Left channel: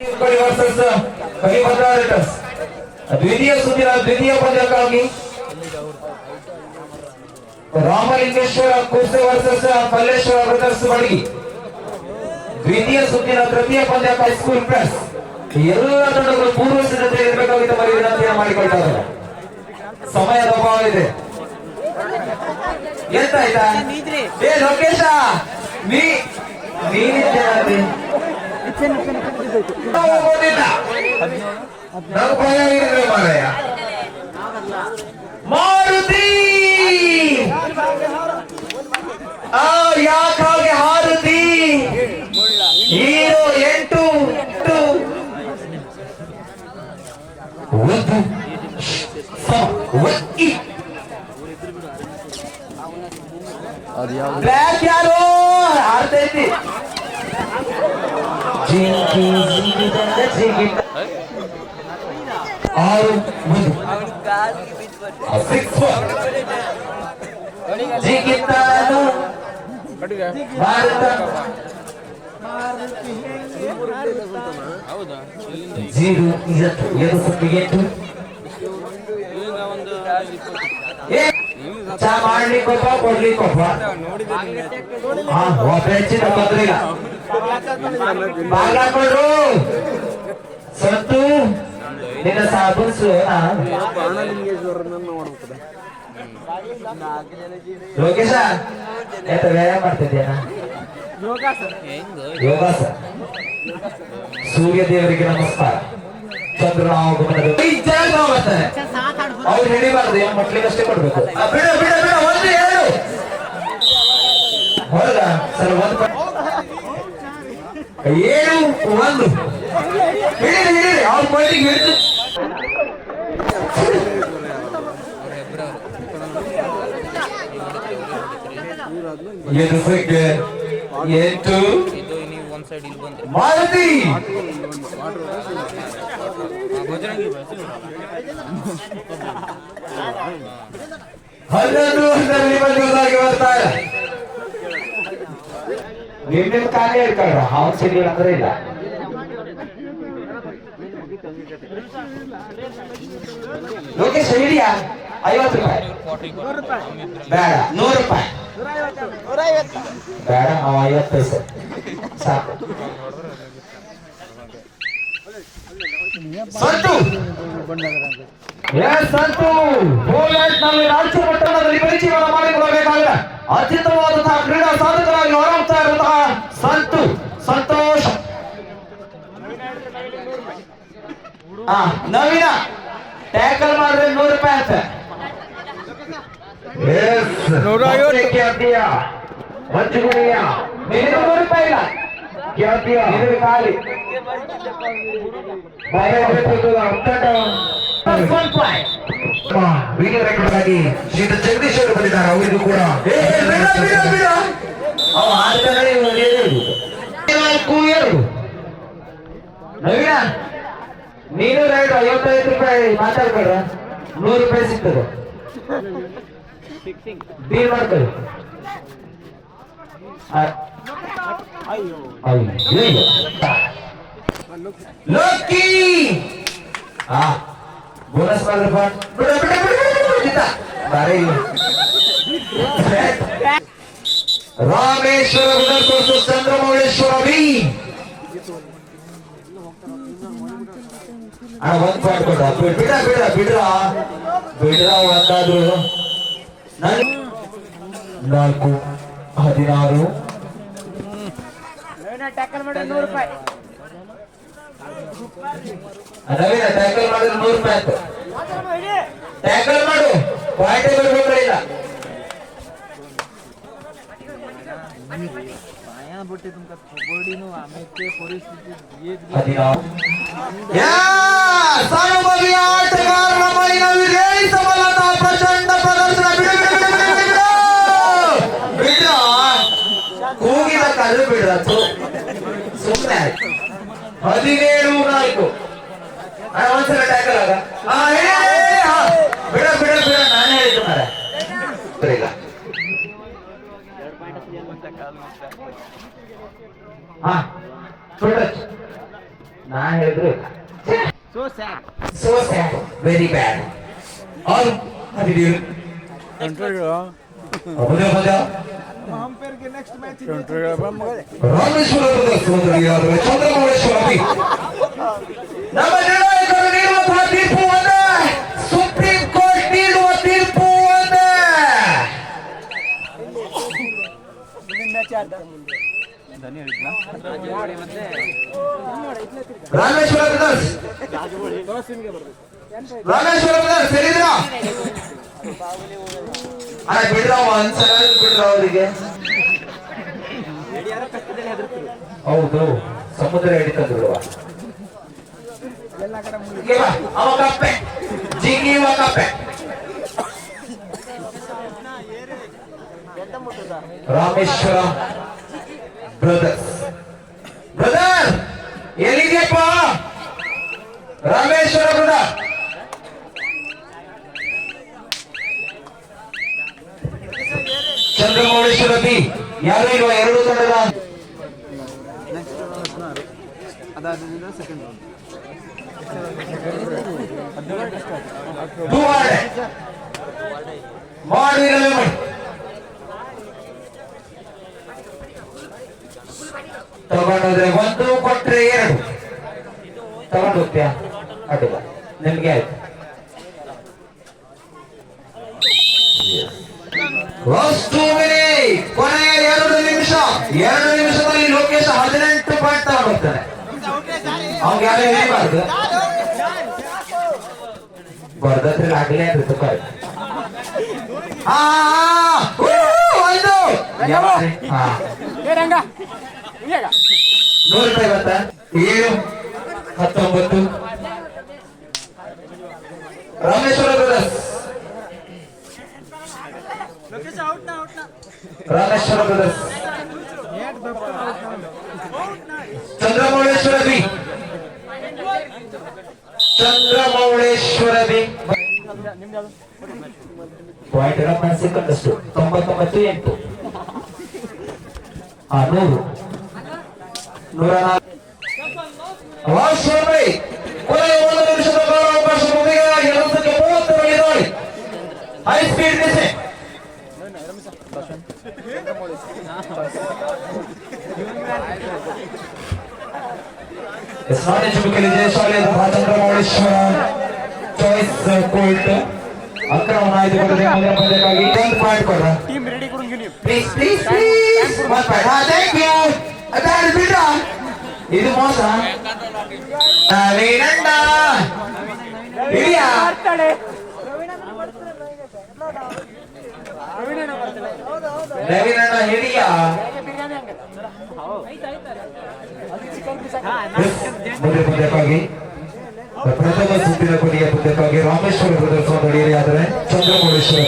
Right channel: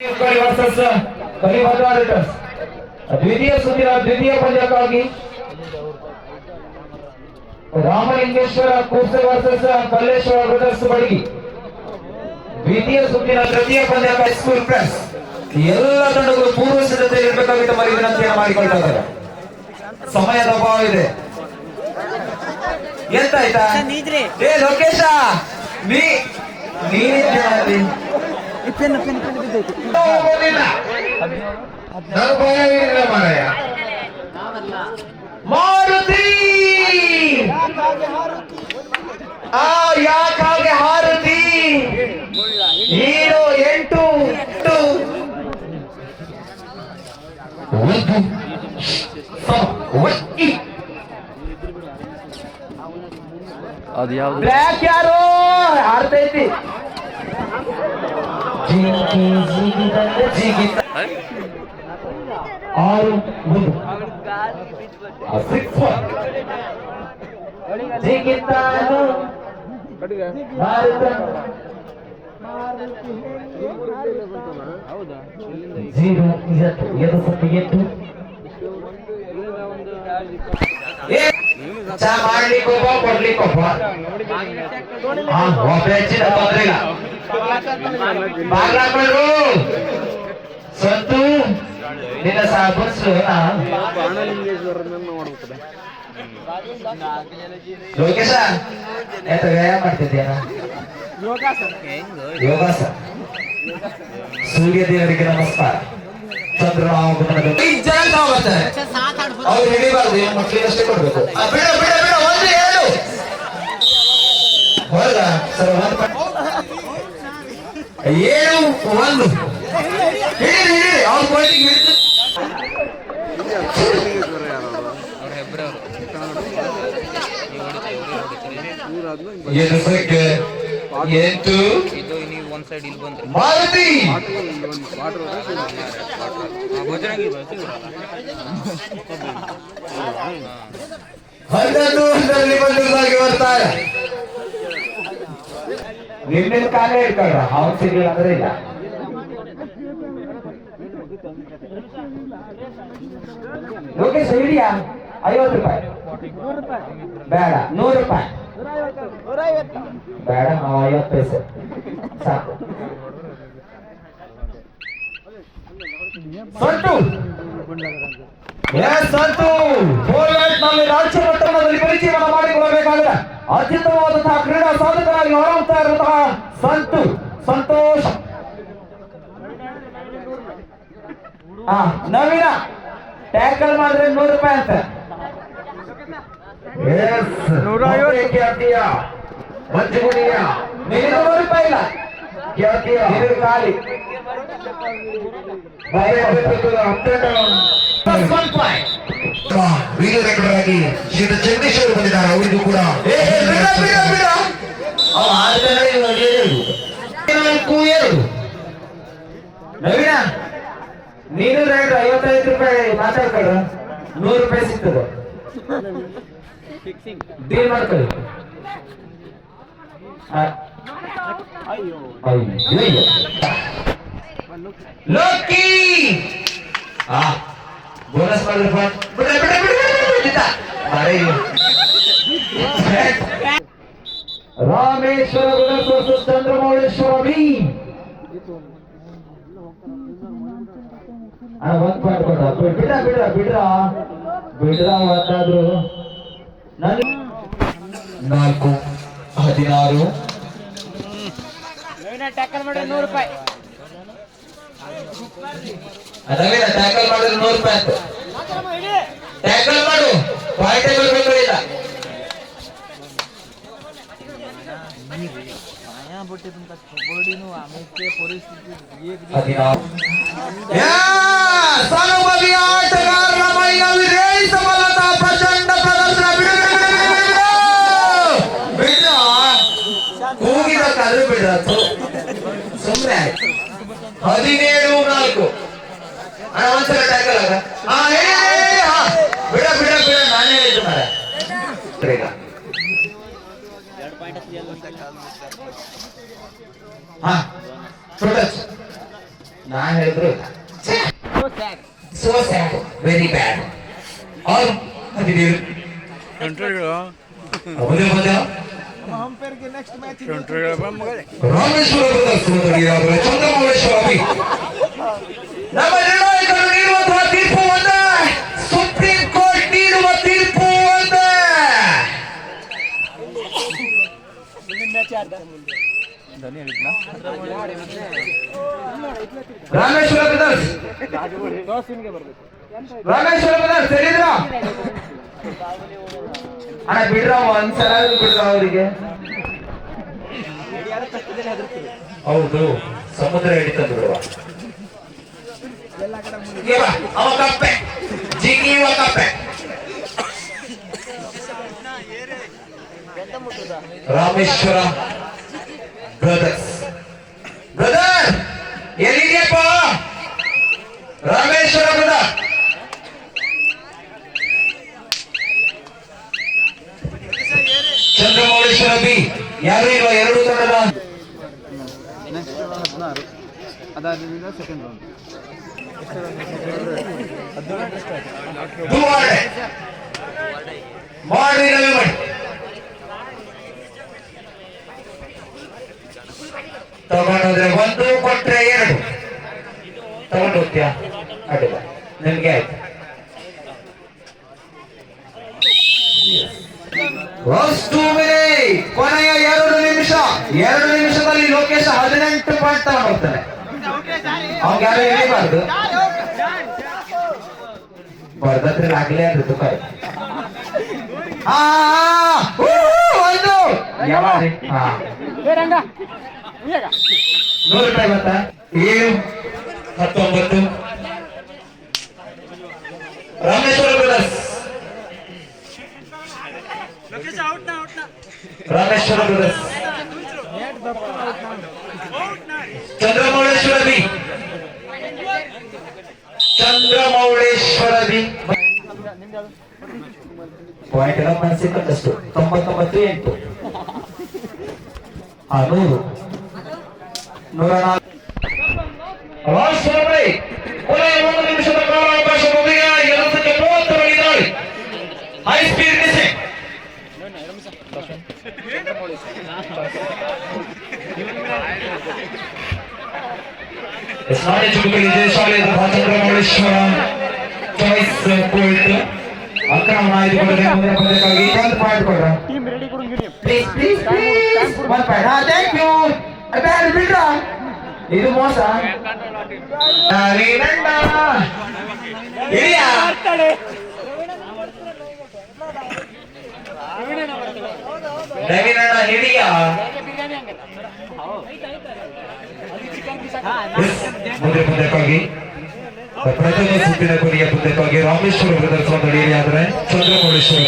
Versus ಕಲಿಭದ್ರಾ writers ದ್ವಿತೀಯ ಸುತ್ತಿನ ದ್ವಿತೀಯ ಪಂದ್ಯಕ್ಕಾಗಿ ರಾಮಲಿಂಗೇಶ್ವರ ಕುರ್ಸೆ ವರ್ಸಸ್ ಕಲ್ಲೇಶ್ವರ ಬ್ರದರ್ಸ್ ಬಡಗಿ ದ್ವಿತೀಯ ಸುತ್ತಿನ ತೃತೀಯ ಪಂದ್ಯಕ್ಕಾಗಿ ಸ್ಕೂಲ್ ಪ್ಲಸ್ ಎಲ್ಲ ತಂಡಗಳು ಪೂರ್ವ ಸಿದ್ಧತೆ ಇರಬೇಕಾಗಿದ್ದ ಮರಿ ವಿನಂತಿಯನ್ನು ಮಾಡಿಕೊಳ್ತಾ ಇದ್ದಾರೆ. ಸಮಯದ ಅಭಾವ ಇದೆ. ಎಂತಾಯ್ತಾ ಏ ಲೋಕೇಶ ಮಾರಾಯ ಮಾರುತಿ ಯಾಕಾಗೆ ಹಾರುತಿ ಹೀರೋ 8 ಅದು ಯಾವುದು ಬ್ಲ್ಯಾಕ್ ಯಾರು ಹಾರ್ತೈತಿ ಆರು ಒಂದು ಜಿಗಿತಾನು ಭಾರತ ಜೀರೋ ಎರಡು ಸೊಪ್ಪಿಗೆ 8 ಚಾ ಮಾಡ್ಲಿಕ್ಕೊಬ್ಬ ಕೊಡ್ಲಿಕ್ಕೊಬ್ಬ ಹೆಚ್ಚಿನ ತೊಂದ್ರೆ ಇಲ್ಲ. ಸಂತು ನಿನ್ನ ಸಾಬಸ್ ಲೋಕೇಶ ಎಂತ ವ್ಯಾಯಾಮ ಮಾಡ್ತಿದ್ಯಾನ ಯೋಗಾಸ ಸೂರ್ಯ ದೇವರಿಗೆ ನಮಸ್ಕಾರ ಚಂದ್ರ ಅವ್ರು ಹಿಡಿಬಾರ್ದು ಏನ್ ಮಕ್ಳಿಗೆ ಅಷ್ಟೇ ಕೊಡ್ಬೇಕು. ಹೊರಗ ಸರ್ ಏಳು ಒಂದು ಹಿಡಿದು ಅವ್ರ ಬಯಲಿಗೆ ಹಿಡಿದು ಎದುಸಕ್ಕೆ 8 ಮಾರುತಿ ಬರ್ತಾರೆ. ನಿನ್ನೆ ಕಾಲೇ ಇರ್ತಾರ ಅವ್ರ ಸಿಡಿ ಅಂದ್ರೆ ಇಲ್ಲ. ಲೋಕೇಶ್ ಹಿಡಿಯಾ 50 ರೂಪಾಯಿ ಬೇಡ 100 ರೂಪಾಯಿ ಬೇಡ 50 ಪೈಸೆ ಸಾಕು. ಸಂತು ಸಂತು ನಲ್ಲಿ ರಾಜ್ಯ ಮಟ್ಟದಲ್ಲಿ ಪರಿಚಯವನ್ನು ಮಾಡಿಕೊಳ್ಳಬೇಕಾದ ಅತ್ಯುತ್ತಮವಾದಂತಹ ಕ್ರೀಡಾ ಸಾಧಕರಾಗಿ ಹೊರಹೊಮ್ತಾ ಇರುವಂತಹ ಸಂತು ಸಂತೋಷ್ ನವೀನ ಟ್ಯಾಕಲ್ ಮಾಡಿದ್ರೆ 100 ರೂಪಾಯಿ ಅಂತ ಮಂಜುಗುಣಿಯ 100 ರೂಪಾಯಿ ಇಲ್ಲ ಗೆಳತಿಯ ಖಾಲಿ ಶ್ರೀ ಜಗದೀಶ್ ಅವರು ಬಂದಿದ್ದಾರೆ. ಅವರಿಗೂ ಕೂಡ ನವೀನ ನೀನು ರೇಟ್ 55 ರೂಪಾಯಿ ಮಾತಾಡ್ಕೊಳ್ರ 100 ರೂಪಾಯಿ ಸಿಗ್ತದೆ ಡೀಲ್ ಮಾಡ್ಕೊಳ್ಳಿ. ಲೋಕಿ ಬೋನಸ್ ಮಾಡಿದ್ರಪ್ಪ ರಾಮೇಶ್ವರ ಚಂದ್ರಮೌಳೇಶ್ವರ ಬಿ ಒಂದ್ ಪಾಯಿಂಟ್ ಕೊಡ ಬಿಡ್ರ ಒಂದಾದ್ರು 4 16 ಟ್ಯಾಕಲ್ ಮಾಡಿದ್ರೆ 100 ರೂಪಾಯಿ ನವೀನ ಟ್ಯಾಕಲ್ ಮಾಡಿದ್ರೆ 100 ರೂಪಾಯಿ ಅಂತ ಟ್ಯಾಕಲ್ ಮಾಡು ಪಾಯಿಂಟ್ ಬರ್ಬೇಕಿಲ್ಲ. ಕೂಗಿಬೇಕಾದ್ರೂ ಬಿಡ ಸುಮ್ಮನೆ 17-4 ಒಂದ್ಸಲ ಟ್ಯಾಕಲ್ ಆಗ ಬಿಡ ನಾನೇ ಹೇಳಿದ್ದು ಮರ ನಾ ಹೇಳಿದ್ರು ಸೋ ಸ್ಯಾಡ್ ವೆರಿ ಬ್ಯಾಡ್ ಅವ್ರು ಅದಿದ್ದೀರು ಮೊದಲ ಪಂದ್ಯ ರಾಮೇಶ್ವರ ಚಂದ್ರಮೌಳೇಶ್ವರ ನಮ್ಮ ನಿರ್ಣಾಯಕರು ನೀಡುವಂತಹ ತೀರ್ಪು ಒಂದೇ, ಸುಪ್ರೀಂ ಕೋರ್ಟ್ ನೀಡುವ ತೀರ್ಪು ಒಂದೇ. ರಾಮೇಶ್ವರ ಬ್ರದರ್ಸ್ ಹೇಳಿದ್ರ ಬಿಡ್ರ ಒಂದ್ಸಲ ಬಿಡ್ರ ಅವರಿಗೆ. ಹೌದು, ಸಮುದ್ರ ಹಿಡಿತಂದು ಬಿಡುವ ರಾಮೇಶ್ವರ ಬ್ರದರ್ಸ್. ಬ್ರದರ್ ಎಲ್ಲಿದೆಯಪ್ಪ? ರಾಮೇಶ್ವರ ಬ್ರದರ್ ಚಂದ್ರಮೌಳೇಶ್ವರ ಬಿ ಯಾರು ಇರುವ ಎರಡು ತಂಡದ ತಗೊಂಡೋದ್ರೆ ಒಂದು ಕೊಟ್ರೆ ಎರಡು ತಗೊಂಡು ಹೋಗ್ತೀಯಾ? ಅಡ್ಡಿಲ್ಲ, ನಿಮ್ಗೆ ಆಯ್ತು. ಲಾಸ್ಟ್ 2 ಮಿನಿಟ್, ಕೊನೆಯ 2 ನಿಮಿಷ. 2 ನಿಮಿಷದಲ್ಲಿ ಲೋಕೇಶ್ 18 ಪಾಯಿಂಟ್ ತಗೊಂಡೋಗ್ತಾನೆ. ಅವ್ಗೆ ಯಾರು ಹೇಳಿಬಾರ್ದು, ಬರ್ದತ್ರ ಆಗ್ಲೇ ಅದು ತುಕ. ₹100 ಗೊತ್ತಾ? 7-19 Rameshwara Brothers. Rameshwara Brothers Chandramouleshwara B. Chandramouleshwara B point ಎಲ್ಲ ಸಿಕ್ಕಂದಷ್ಟು 99-8 100 ಕೊನೆಯ 1 ನಿಮಿಷದ ಕಾಲಾವಕಾಶ ಮುಗಿದ ಕೆಲಸಕ್ಕೆ 30 ಹೈ ಸ್ಪೀಡ್ ಮಿಸಿಂಗ್. ಸ್ನಾನಿ ಚುರುಕಲ್ಲಿ ಜಯಶಾಲಿಯಾದ ಚಂದ್ರಮೌಳೇಶ್ವರ ಚಾಯ್ಸ್ ಕೋರ್ಟ್ ಅಕ್ರಮ ಆಯ್ದುಕೊಂಡ್ರೆ ಮೊದಲ ಪಂದ್ಯಕ್ಕಾಗಿ 1 ಪಾಯಿಂಟ್ ಕೊಡ್ರ. ಇದು ಮೋಸ. ರವಿನಣ್ಣ ಹಿಡಿಯ ಮೊದಲ ಪಂದ್ಯಕ್ಕಾಗಿ ಪ್ರಥಮ ಸುತ್ತಿನ ಕೊನೆಯ ಪಂದ್ಯಕ್ಕಾಗಿ ರಾಮೇಶ್ವರ ಬ್ರದರ್ಸ್ ನಡೆಯಲಿಯಾದರೆ ಚಂದ್ರಮೌಳೇಶ್ವರ